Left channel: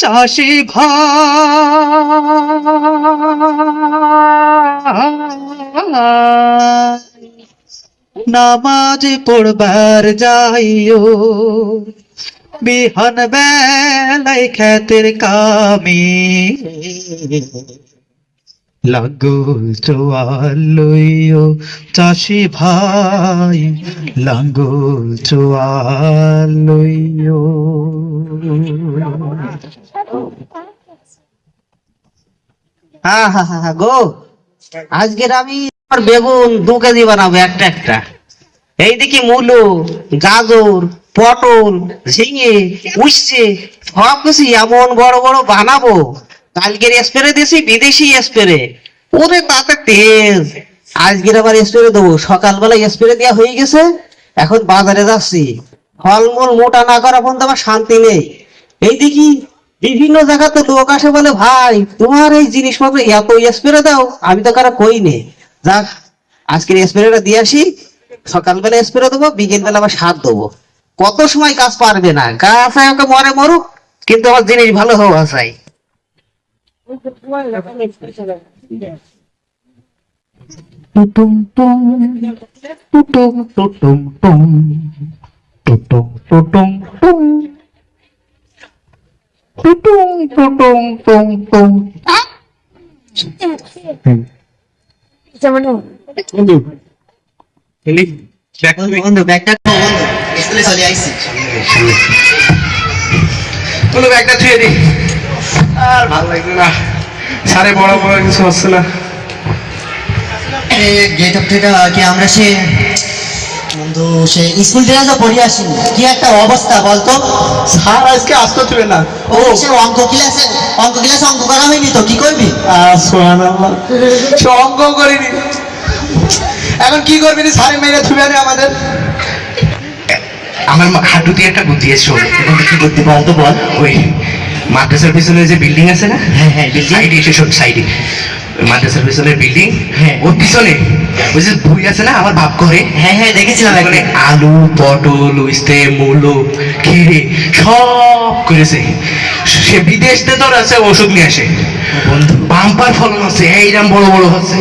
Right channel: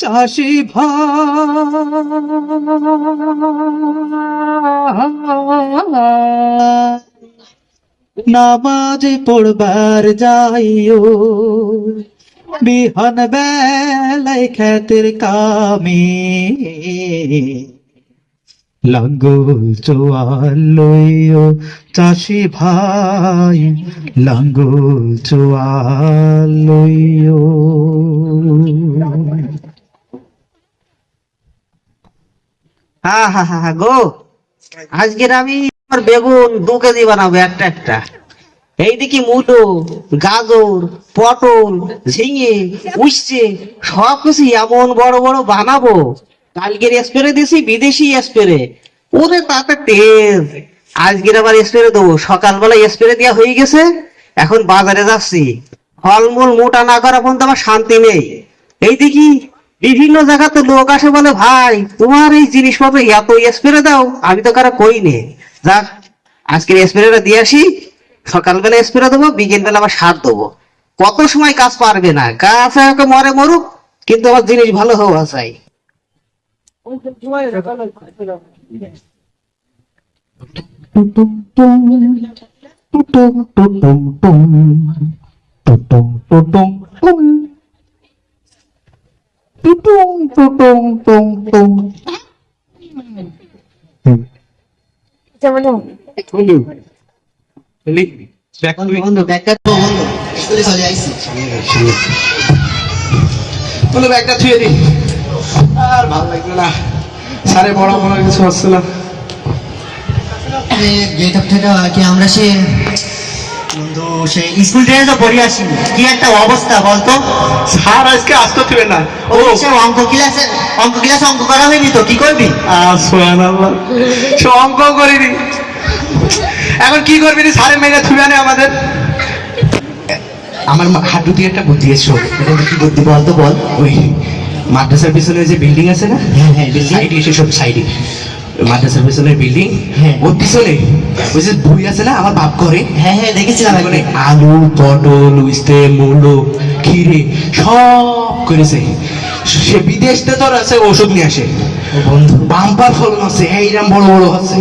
চাষি ভাই নামাজ পড়বার যাইও, বিহান বেলায় খেতের কামে লাঙ্গল চোয়াল লইও। চাষি ভাই লাঙ্গল চোয়াল লইও। গো, আজকের আমি বেগুন 2 কেজি বানাবো একটা একটা। এইদিকে মূলো, গাজর, পটল, ঝিঙে, উচ্ছে সবকিছু এমন বড় বড় বানাবো। কালকের স্প্রে দিয়েছি বিদেশি স্প্রে, ওরে তাতে তেজ। আজকের আবার স্প্রে দেবো। সকালবেলা স্প্রে দেওয়া হয়ে গেছে, এখন বাজারে যাচ্ছি। ফলমূল মোটা না করা পর্যন্ত আমার শান্তি নেই। এইদিকে বিভিন্ন জায়গা তো লোক আসে বলে, ভাই তোমার এই জিনিসপত্র এত স্প্রে দাও, আমি তো কারো কই নে। যাক, আজকের স্প্রেটা দিয়ে আসি। সকালবেলা স্প্রে দেবো, বিকেল বেলা আবার সার দেবো। কত সময় কাজ পারবে না, গাছ একটা মরে মরুক, কিন্তু আমার জিনিস ভালো হওয়া চাই। টুটুম টুম টুটুম টুটুম টুম টুটুম টুটুম টুম টুটুম টুটুম টুম টুম। বন্ধু ব্যাগটা স্কুলে চলে আইছি। বন্ধু ব্যাগটা ছুঁয়ে দিই, আর ভালো লাগবে না। সারে বড় বড় কিছু হচ্ছে না। গেট আপ থেকে কি আমরা সে বন্ধু সে স্কুল থেকে তো পড়ে আসিনি, কি একটা অবস্থা বলতো। স্যার আজকে আসতে দিবে না। ও সে অঙ্ক ক্লাসে অঙ্ক করা হয়নি তো কি করবি? সুবহানাল্লাহ, সে অঙ্ক করিনি। এখন কি করবি? স্যারের মেয়েরা ছুবে না আমাদের। আমার হাঁটু দিয়ে একটা বুদ্ধি এসছো। কি বুদ্ধি বলতো বল। ওই মাদ্রাসার পিছনে যে বিল্ডিং আছে না, হ্যাঁ সাইডে এসে সব সাইডে মাদ্রাসার পিছনের বিল্ডিং, হ্যাঁ ওর পিছনে ওই যে বই আছে না আমার বাপ করে, হ্যাঁ দেখেছিলাম। আলু, পটল, উস্তে, মূলো, খিরে সব করেছে। সে বিদেশ থেকে তোর আছে ওষুধ নিয়ে আসে। বন্ধু বাম্পার ফলন আছে, এইরকম বড় বড় হচ্ছে।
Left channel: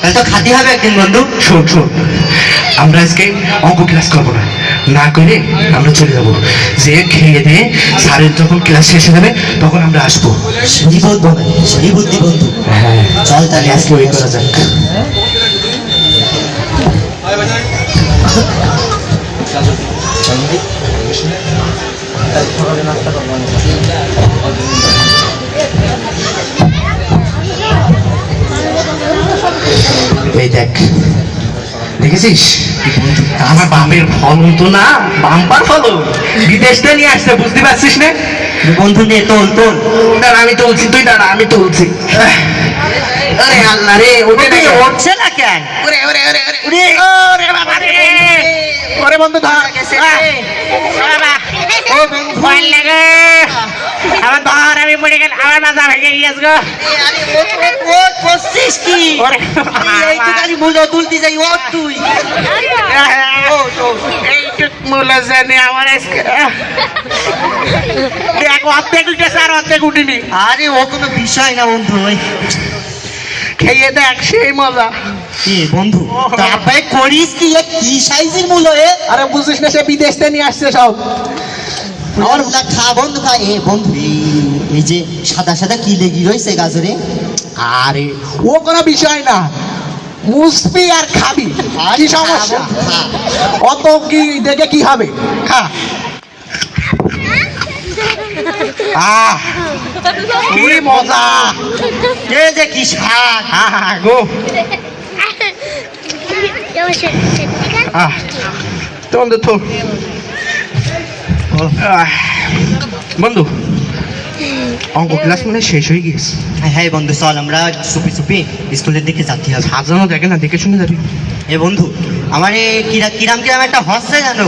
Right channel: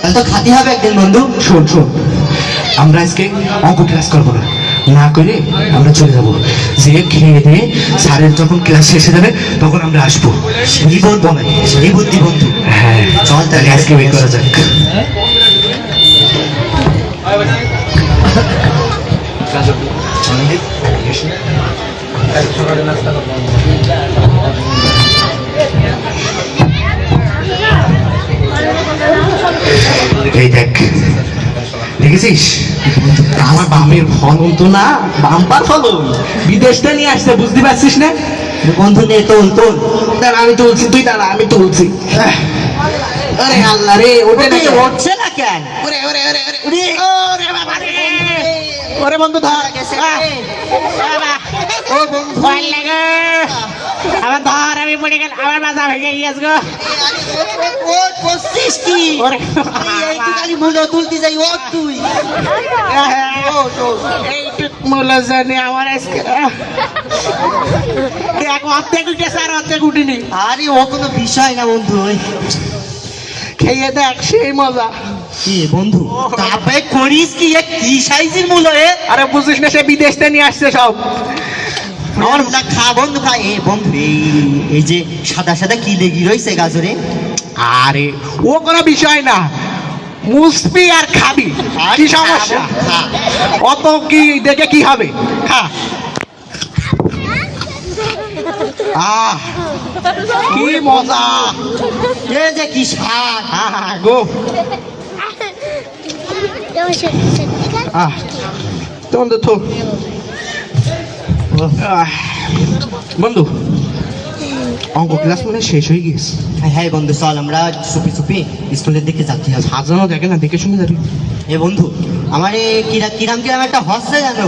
তাহলে তো খাতি হবে একদিন বন্ধু। শোন শোন, আমরা আজকে অঙ্ক ক্লাস করবো না, না করে আমরা চলে যাবো। যে খেয়ে দিয়ে স্যারের যখন ক্লাস শেষ হয়ে যাবে তখন আমরা আসবো। সেই বুদ্ধি বন্ধু। হ্যাঁ চল তাহলে আজকে ওই করা যাক। এই দেখ, দেখেছিস আমার বাপের ফলন তো না, বাম্পার ফলন, বিদেশ থেকে নিয়ে আসছে, বুঝতে পারছিস না? বন্ধু নে তোল তোল। দাঁড়া আমি তুলছি, তুই দাঁড়া আমি তুলছি। আরে আল্লাহ রে, উঠছে না কেন? ওরে ওরে ওরে ওরে ওরে বাবা রে, ওরে বন্ধু ধর গেছে বাবা। ও বন্ধু ভয় লাগে আমার, ধর আমি পড়ে গেল, আমার মাথা ভেঙে গিয়েছে গো। আরে ও করছিস কি? ওরে এই তো খালি মুলো তুলতে যাই, ও তুই এইটুক মূল্য জানি আমার আজকে দেখ, অর্ধেক উঠেছে আর অর্ধেক উঠিনি। আরে ও কোনো বিষয় না বন্ধু। খেয়ে দেখ সেই মজা। এ বন্ধু তারপরে করিস কি? কি সাইজের মূলো এ? আরে বুঝিস না, সে বিদেশ থেকে নিয়ে আসছে সব। আমার খা বন্ধু খা। এ বন্ধু এই যে সাদা সাদা কি লেগে রয়েছে গাজরে? আরে ও কোনো বিষয় না, মুসবি আর খাবি, কি সমস্যা? অত কি দেখে কি হবে? হ্যাঁ আহ কি মজা, এ যে কি স্বাদ। গো বন্ধু তো বন্ধু অঙ্ক ক্লাস মানে শেষ হয়ে গেছে। হ্যাঁ বন্ধু চল আমরা চুপি চুপি স্কুলের দিকে যাচ্ছি। সাজানো দেখে না, দেখে শুনে যাবি। এ বন্ধু আমার কিরাম কিরাম একটা হচ্ছে জানো?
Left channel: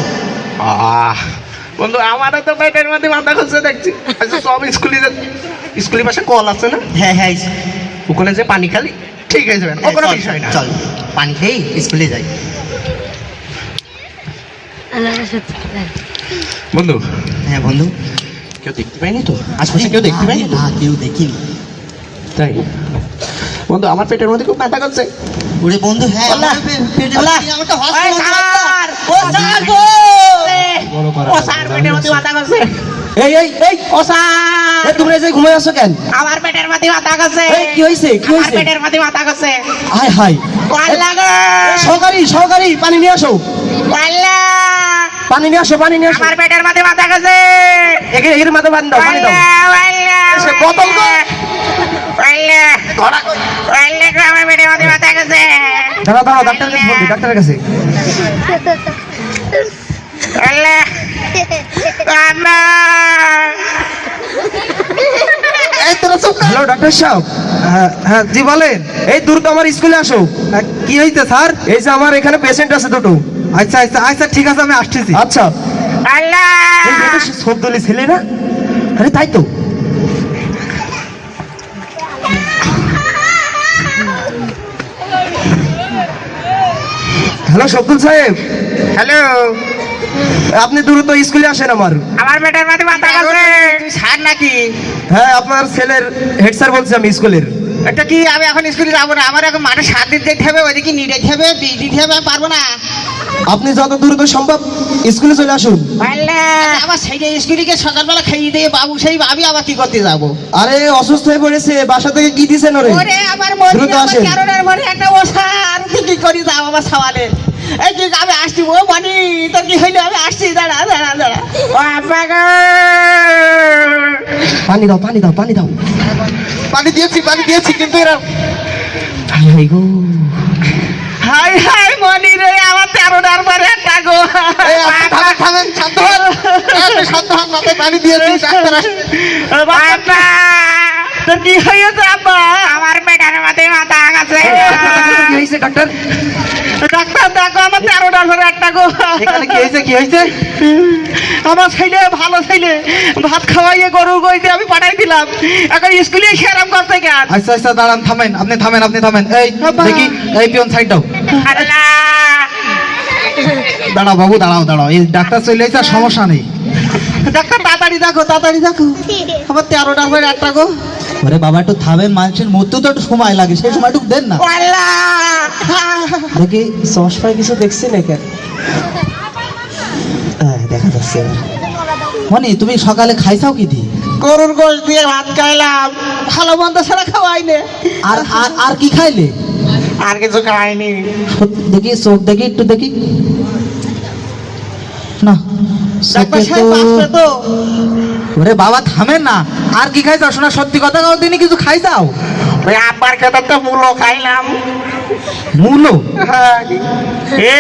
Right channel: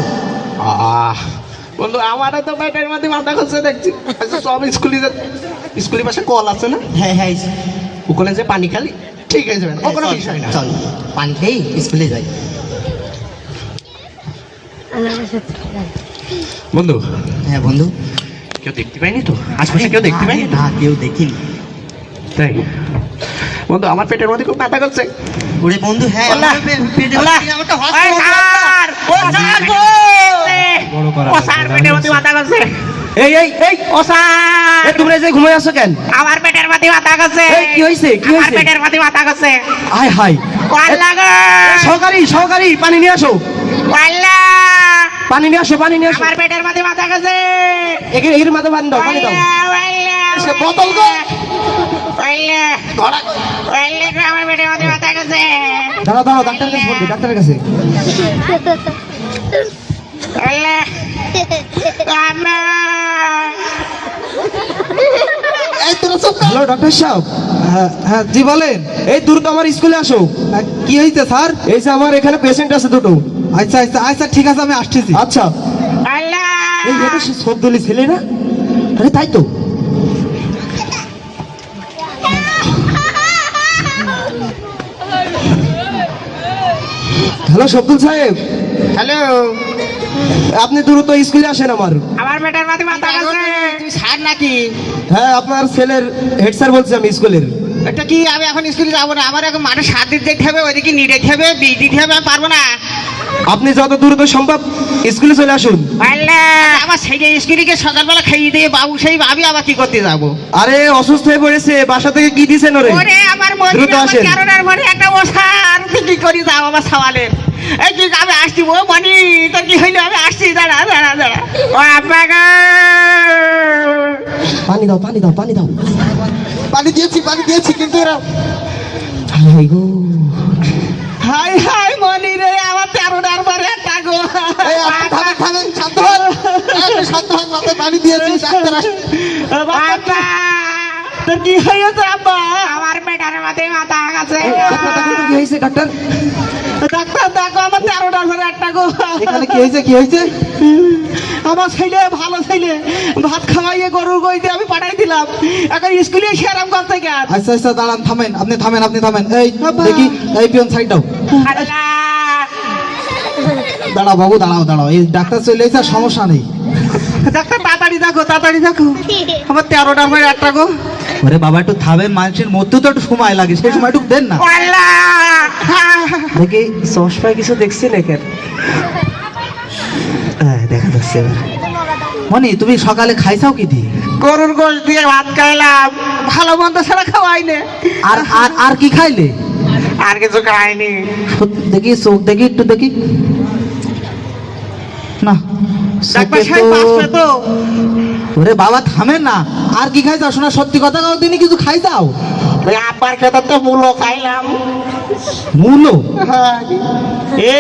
বন্ধু আমারও তো পেটের মধ্যে মাথা খুঁজছে দেখছি। আচ্ছা সব স্কুলের পাশে কল আছে না? হ্যাঁ ওখানে যে পানি খালি ঠিক হয়ে যাবে, ও কোনো বিষয় না। চল পানি খেয়ে স্কুলে যাই। বন্ধু, হ্যাঁ বন্ধু, কেউ দেখতে পাইনি তো? আশপাশে কেউ দেখতে পাইনি তো? না কেউ দেখিনি। তাই বন্ধু, আমার পেটের মধ্যে খুব ব্যথা করছে। ওরে বন্ধু, হ্যাঁ ওলা, ওলা। আমাকে ওই স্যার, ও স্যার গো! ও স্যার, পেটের মধ্যে ব্যথা করছে। এই এই এই ও স্যার, এ, তোমরা যে ঘুমাই আছো কেন? আমার পেটের মধ্যে ব্যথা করছে। এই, কি হয়েছে কি আমার হয়েছে? পেটের মধ্যে ব্যথা করছে। হাই হাই, ওয়াল্লা গো! সহকারী সহকারী পানি নিয়ে আসো, ওয়াল্লা! পানি নিয়ে আসো, পানি নিয়ে আসো। আমার পেটের মধ্যে ব্যথা করছে। একে এর মাথা বান দাও, পানি দাও। ওয়াল্লা! সে বোতল গো। ওয়াল্লা! ওয়াল্লা গো, আমার পেটের মধ্যে ব্যথা করছে। দাঁড়া দাঁড়া, ডাক্তারের কাছে ফোন দে, ডাক্তারের কাছে। ওয়াল্লা! আম্মা! এই তোরা চুপ কর। হ্যালো ডাক্তার সাহেব। হ্যাঁ হ্যাঁ, জি বলেন। এই দ্রুত আমার স্কুলে আসো। কি হয়েছে স্যার? এই যে আমার এখানে পেশেন্ট আছে দুটো। আচ্ছা আচ্ছা আচ্ছা, ঠিক আছে, আমি আসতেছি। আচ্ছা, ওয়াল্লা! এই এটা সে সবদলি ছেলে না? আরে তাই তো। হ্যালো শব্দুল সাহেব, হ্যালো, আপনি দ্রুত স্কুলে আসেন আমার। আমার পেটের মধ্যে ব্যথা করছে। তুই স্যার নাকি? হ্যাঁ, আপনার ছেলের হেড স্যার বলছি আমি স্কুলের। এটা কি, আমি এখন স্কুলে যাবো না? আমার এখন মাঠে 7 দিন দেখতে হবে, ওইদিকে নি দেখতে হবে, বি দিতে হবে, আমি পারবো না। আপনি যত দ্রুত সম্ভব স্কুলে চলে আসুন। আল্লাহ, আমার সেই যে স্কুলিকে সকালবেলা খাইয়ে দিয়ে বাবু, সেই ভাবি আবার কি করতে যাবো? আরে অসুস্থ হয়ে পড়েছে, বাসা থেকে কি দিছেন ওরে? ওরে আমার মনে, দ্রুত আমার আসেন। কারণের মনে একটা ওষার, তুই কি করি যাও আমার সওয়ালে? এই যে আমি আসছি, ও মনি তোর কি হইলো? আমি আসছি, দাঁড়া দাঁড়া দাঁড়া। ও আব্বা গো! পানি দাও, পানি দাও, পানি দাও। পানি দিয়েছি কিন্তু এরা হাই গো, হাই হাই মনি রে, আমার 13টার পরে একটা গো। এই আপনি থামেন থামেন, শান্ত হন। আপনি শান্ত হন, মাথায় পানি দিয়েছি, ডাক্তার আসছে। আব্বা, তোর কি হয়েছে আব্বা? আমার পেটের মধ্যে মাথা গেছে। কি হয়েছে ডাক্তার? ডাক্তার দেখো, আমার 13টার পরে একটা গো। এখানে কি হয়েছে, কি হয়েছে? আমার ছেলে, ভালো ছেলে, ভাত খাওয়াইয়ে গরু গইতে আমি পাঠাই দিলাম, এখন স্কুলে সেরাম করতে গেল। আচ্ছা আচ্ছা, দাঁড়ান, থামেন, আপনি থামেন, আপনি থামেন। এই দেখি, এই পিয়ন সাইড দাও। দাঁড়াও বাবু, দাঁড়াও দাঁড়াও, এই ডাক্তার চলে এসে, আর সমস্যা নেই। ডাক্তার তাড়াতাড়ি দেখো, তাড়াতাড়ি দেখো, আমার 13টার পরে একটা গো। ওরে বাবা, একটু থামেন, মানুষের মধ্যে তো একটু সময় লাগে, সেই সময়টুকু দেন না। আল্লাহ! দেখি চশমায় কিছু দেখছি নাকি? হ্যাঁ, দেখা যাচ্ছে। মনি, তুমি সকালে খাইছাও কি দিয়ে? গরুর গোশ দিয়ে ভাত খাইলাম, ভালো মন্দ ছাড়া খাওয়াইলে। আর আর আর কি খাইলে? আর কিছু খাইনি। দেখি চোখ দেখি, একটু দেখি না, ডাক্তার চোখে সাহেব বাঁচবে তো। তো? ওরে বাবা থামেন না, আর কি খাইছাও? শোনা, সত্যি কথা কাও, দিনে কিছু খাইছাও? ওই আব্বার খেতে তো মূলো খাইলাম। মূলো? হ্যাঁ।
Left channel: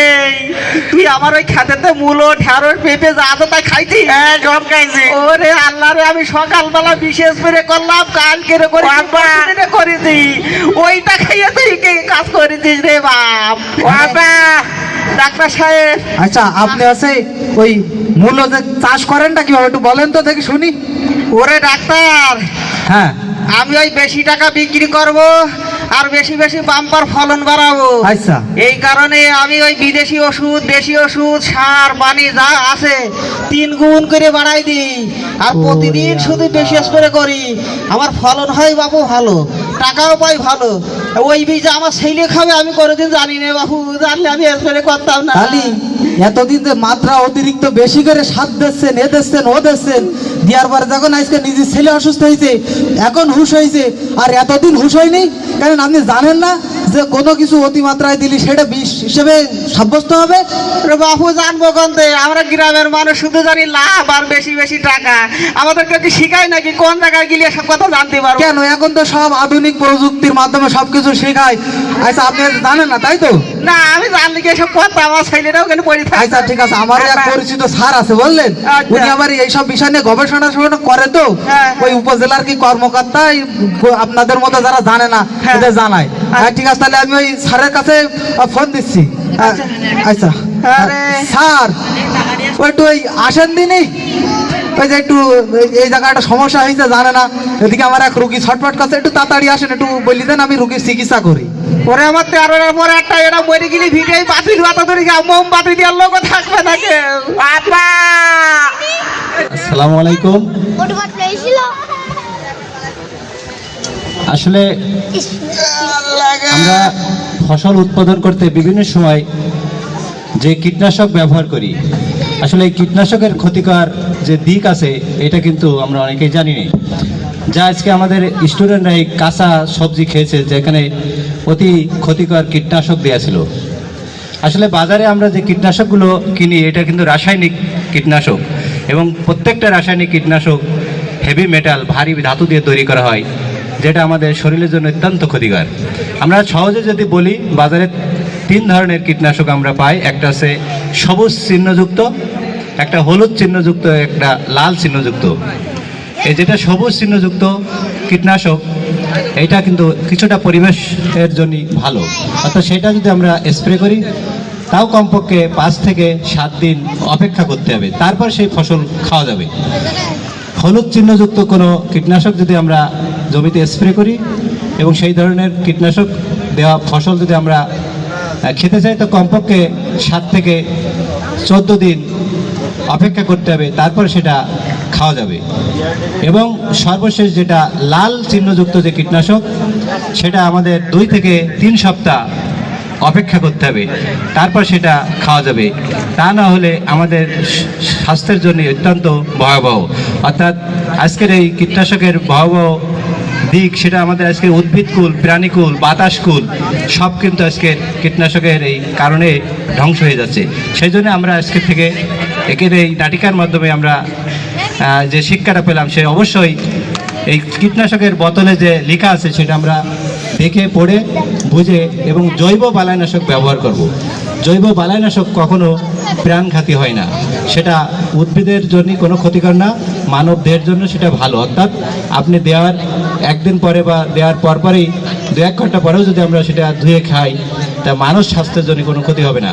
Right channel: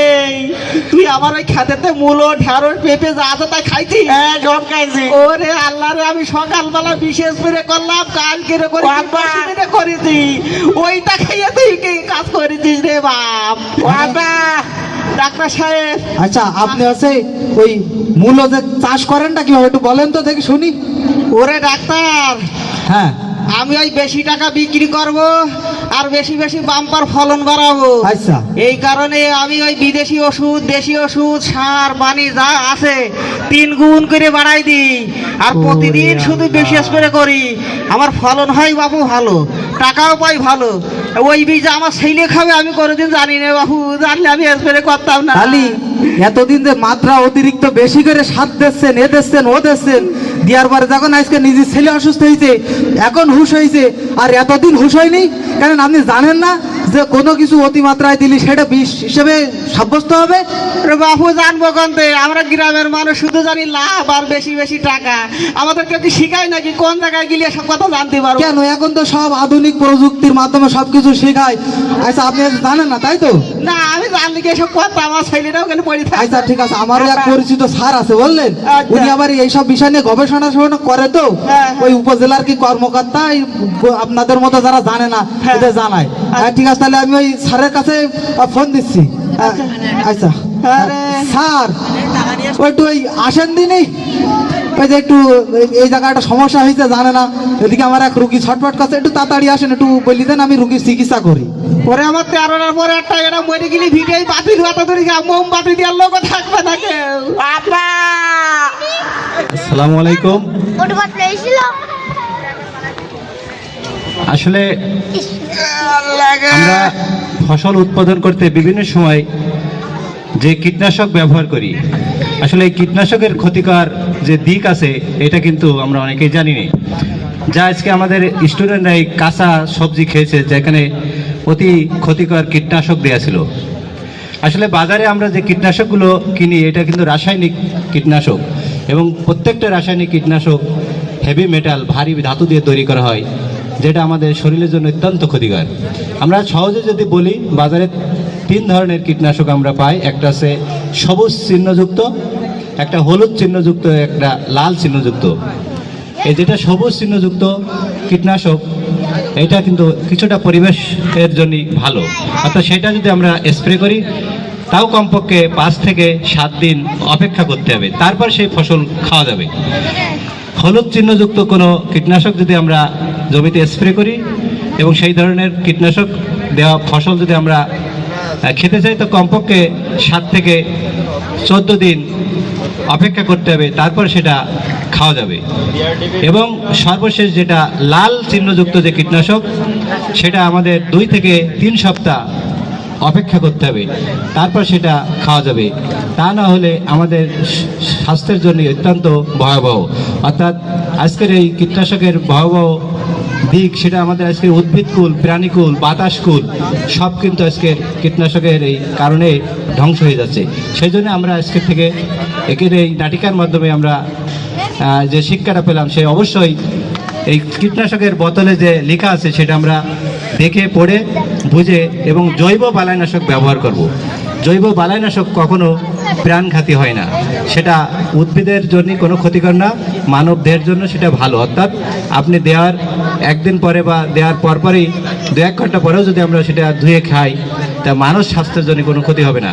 এই তুই আমার ওই খেতে মূলো, ঢেঁড়স, পেঁপে যা আছে তাই খাইছি? হ্যাঁ, সব খাইছি। ওরে আল্লাহ রে, আমি সকালবেলা বিশেষ করে করলাম, কালকে রে করে দিনে করেছি, ওইটা খাইয়ে তুই কি কাজ করেছিস রে বাপ? বাবা, ডাক্তার সাহেব, আচ্ছা, আপনি আছে ওই মূলো যে চাষ করেনটা কিভাবে একটু বলেন তো দেখি শুনি। ওরে ডাক্তার, হ্যাঁ, আমি ওই বেশি টাকা বিক্রি করব আর বেশি বেশি বাম্পার ফলন বাড়াবো। আচ্ছা। এই কারণে আমি ওই বিদেশি ওষুধ, দেশি ওষুধ, সার পানি যা আছে 3 গুণ করে বাড়াই দিই, আর প্রতিদিন শুধু বেশি স্প্রে করি। আমার ফলন হয় বাবু ভালো, টাকাও পাই ভালো। ওই বীজ আমার ছেলে খাবে আমি কোনোদিন জানি না বাবু, জানলে আমি স্প্রে করতাম না। খালি এতদিন যে মাত্রা অতিরিক্ত বেশি করে সাত দিচ্ছেন, এ দিচ্ছেন, ও দিচ্ছেন, দেওয়ার পরে যখন আজকে নিজের ছেলে অসুস্থ হয়েছে, এখন হুঁশ হয়েছে, আর এতদিন হুঁশ হয়নি। কারণ আপনি জানেন না যে কোনো কিছু অতিমাত্রায় দিলে সেটা বিষ হিসেবে সাব্যস্ত হবে। আরে বাবু, জানবো কোনতে? আমরা গ্রামের মানুষ শুধু জানি লাভ আর বেশি বেশি টাকা। আমাদেরকে কি শিখায় নাকি কোন জায়গায় গেলে সব কথা জানতে পারবো? কেন, এখন তো সব আধুনিক প্রযুক্তির মাধ্যমে সবকিছু শেখায়। আচ্ছা, আপনি জানেন না তাই তো? না, আমি জানলে কি এসব কথা, আমার ছেলেটাও কেন পড়ে থাকে। আচ্ছা ঠিক আছে, আমার এক পরিচিত স্যার আছে বুঝলেন, আচ্ছা। উনি আবার এইসব বিষয় নিয়ে গবেষণা করে তো। হ্যাঁ। ওই উপজেলার কি কর্মকর্তা, এই আপনাদের মতো যারা জানে না হ্যাঁ। ওদের জানায়। হ্যাঁ, ঠিক আছে, তাহলে আমি ওই স্যারের কাছে ফোন দিচ্ছি। আচ্ছা আরে। স্যার, ওই একটু ওই আসেন দিনই, ওই যে একটু এই জায়গাটা সমস্যা হয়েছে জানে না, এদিকে আমার এক রুগী ছটফট করছে, একটু তাড়াতাড়ি আসেন, একটু বলি দেন, আমি রুগীর চিকিৎসা করি। ওরে আমার 13টার পরে একটা এরা মরে গেলে ভিডিও বাতিল হতো, মোমবাতি দেওয়ার লোক থাকবে না কেউ। বাবা, আসসালামু আলাইকুম। আসলে আমরা ফসল উৎপাদন করতে বিভিন্ন সময় যে কীটনাশক ব্যবহার করি, আসলে এই কীটনাশকের ক্ষতিকর যে দিক আছে এটা কিন্তু আমরা অনেকেই জানি না। যা আজকে আমাদের স্টুডেন্টরা এই কাঁচা সবজি খেয়েছে যেখানে অতি ক্ষতিকর কীটনাশক দেওয়া ছিল। আসলে বাজারে আমরা যে কীটনাশকগুলো কিনি এটা কিন্তু রাসায়নিক কীটনাশক, এবং প্রত্যেকটা রাসায়নিক কীটনাশক হেভি মেটাল, ভারী ধাতু দিয়ে তৈরি করা হয়, যেটা আমাদের শরীরের জন্য অত্যন্ত ক্ষতিকর। আমরা সহজে যদি বলি, বাজারে 3 ধরনের কীটনাশক আমরা পাই। একটা আছে সবুজ চিহ্নযুক্ত, একটা হলুদ চিহ্নযুক্ত, একটা লাল চিহ্নযুক্ত। এই যেটা সবুজ চিহ্নযুক্ত কীটনাশক এটা কিন্তু কিছুটা পরিবেশের জন্য ভালো, অর্থাৎ সেটা যদি আমরা স্প্রে করি তাও কমপক্ষে 5 থেকে 7 দিন অপেক্ষা করতে হবে, তারপর সেই ফসল খাওয়া যাবে। হলুদ চিহ্নযুক্ত কোনো কীটনাশক যদি আমরা জমিতে স্প্রে করি এবং সেই ধরনের কীটনাশক দেওয়া ফসল যদি আমরা খেতে চাই তো কমপক্ষে 7 থেকে 14 দিন অপেক্ষা করতে হবে, তারপর সেটা খাওয়া যাবে। এবং সর্বশেষ যেটা লাল চিহ্নযুক্ত যে কীটনাশক, সেটা আমাদের 2 থেকে 3 সপ্তাহ অপেক্ষা করতে হবে, তারপর সেটা খাওয়া যাবে। তা না হলে আমাদের স্বাস্থ্যের জন্য অত্যন্ত ভয়াবহ। অর্থাৎ আজকের এই কীটনাশকের ভয়াবহ দিক সেটা আমাদের আজকের উদ্ভিদকুল, প্রাণীকুল, বাতাসকুল সব কিন্তু আজকের কীটনাশকের এই কারণে ধ্বংস হয়ে যাচ্ছে। সেই জন্য আমরা আজকের থেকে একের এই নাটিকার মাধ্যমে আমরা যে শিক্ষাটা পেলাম, সে অবশ্যই এই কীটনাশকের বোতলে যে লেখা আছে সেটা আমরা দেখে পড়ে বুঝে এবং জৈব বালাইনাশক ব্যবহার করব। জৈব বালাইনাশক কখনো প্রাণঘাতী হয় না, সেটা উদ্ভিদের জন্য কোনো ক্ষতিকর না, মানব দেহের জন্য সেটা ভালো। অর্থাৎ আপনি দেওয়ার 1 দিন পরে বা দেওয়ার পরপরই 2-1 ঘন্টা পরেও যদি আমরা সেটা ধুয়ে খাই তা মানুষ স্বাস্থ্যের জন্য কোনো ক্ষতি হবে না।